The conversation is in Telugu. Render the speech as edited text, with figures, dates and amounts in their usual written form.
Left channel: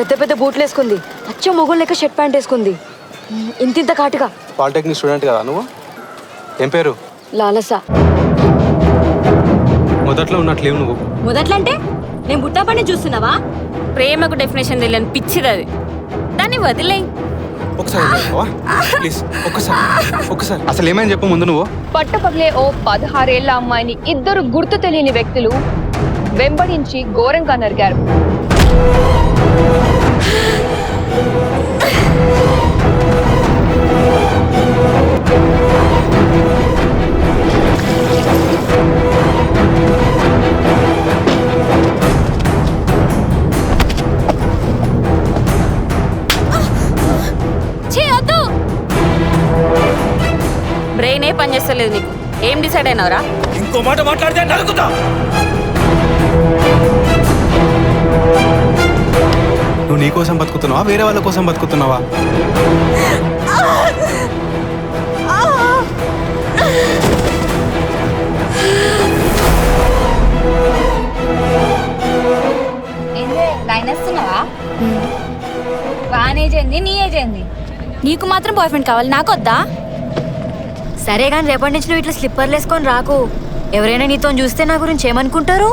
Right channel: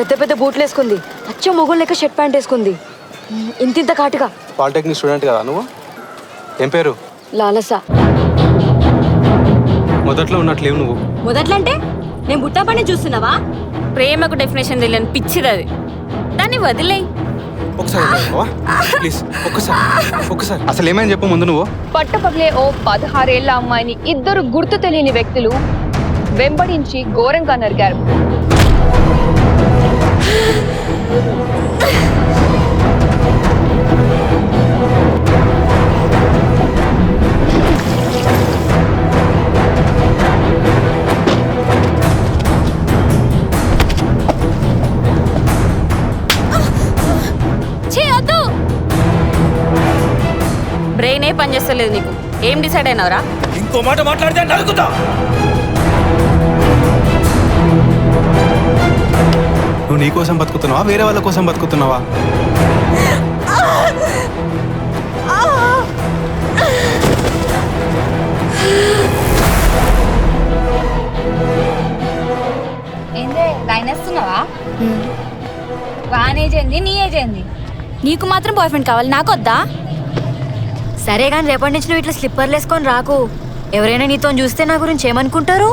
పెద్ద పెద్ద బూట్లు వేసుకుంది, అచ్చం మొగుడు లెక్క షర్ట్ ప్యాంట్ వేసుకుంది, ఇంతింత కాటుగా. పాలిటెక్నిక్ స్టూడెంట్ కదా నువ్వు? ఏం పేరు? లాలస. మొదట్లో ఉన్నట్లేవు నువ్వు. మొదట్లో అంటే నేను బుట్టా పని చూస్తున్నావా? ప్రేమకు డెఫినేషన్ తెలియని పిచ్చిది అది. దాన్ని వదిలేయి. ఒకసారి ప్లీజ్, ఒక్కసారి అసలు ఏమైనా చెప్పు ముందు నువ్వు. పట్టపగలే ఓ 16 ఏళ్ల అమ్మాయిని ఇద్దరు గుర్తు తెలియని వ్యక్తులు వెంబడించి ఘోరంగా నరికారు. బ్రెయినే పనిచేస్తలేదు నీకు. ఏం డిసైడ్ అయినావురా? ఇంకో మాట మాట్లాడితే నరుకుతా. నువ్వు నీ కోసం బతుకుతున్నావా, వేరే వాళ్ళ కోసం బతుకుతున్నావా? ఏందే లైన్ వేస్తున్నావా? వాన్ ఏజ్ ఏంది, నీ ఏజ్ ఏంది? నీకు మాత్రం బాయ్ ఫ్రెండ్ కావాలి, నాకు వద్దా? సరే కానీ రేపటి నుంచి నువ్వు ఇట్లా స్లిప్పర్లు వేసుకొని రాకు. ఎవరైనా నీతో చూస్తే నా గురించి ఏమనుకుంటారు?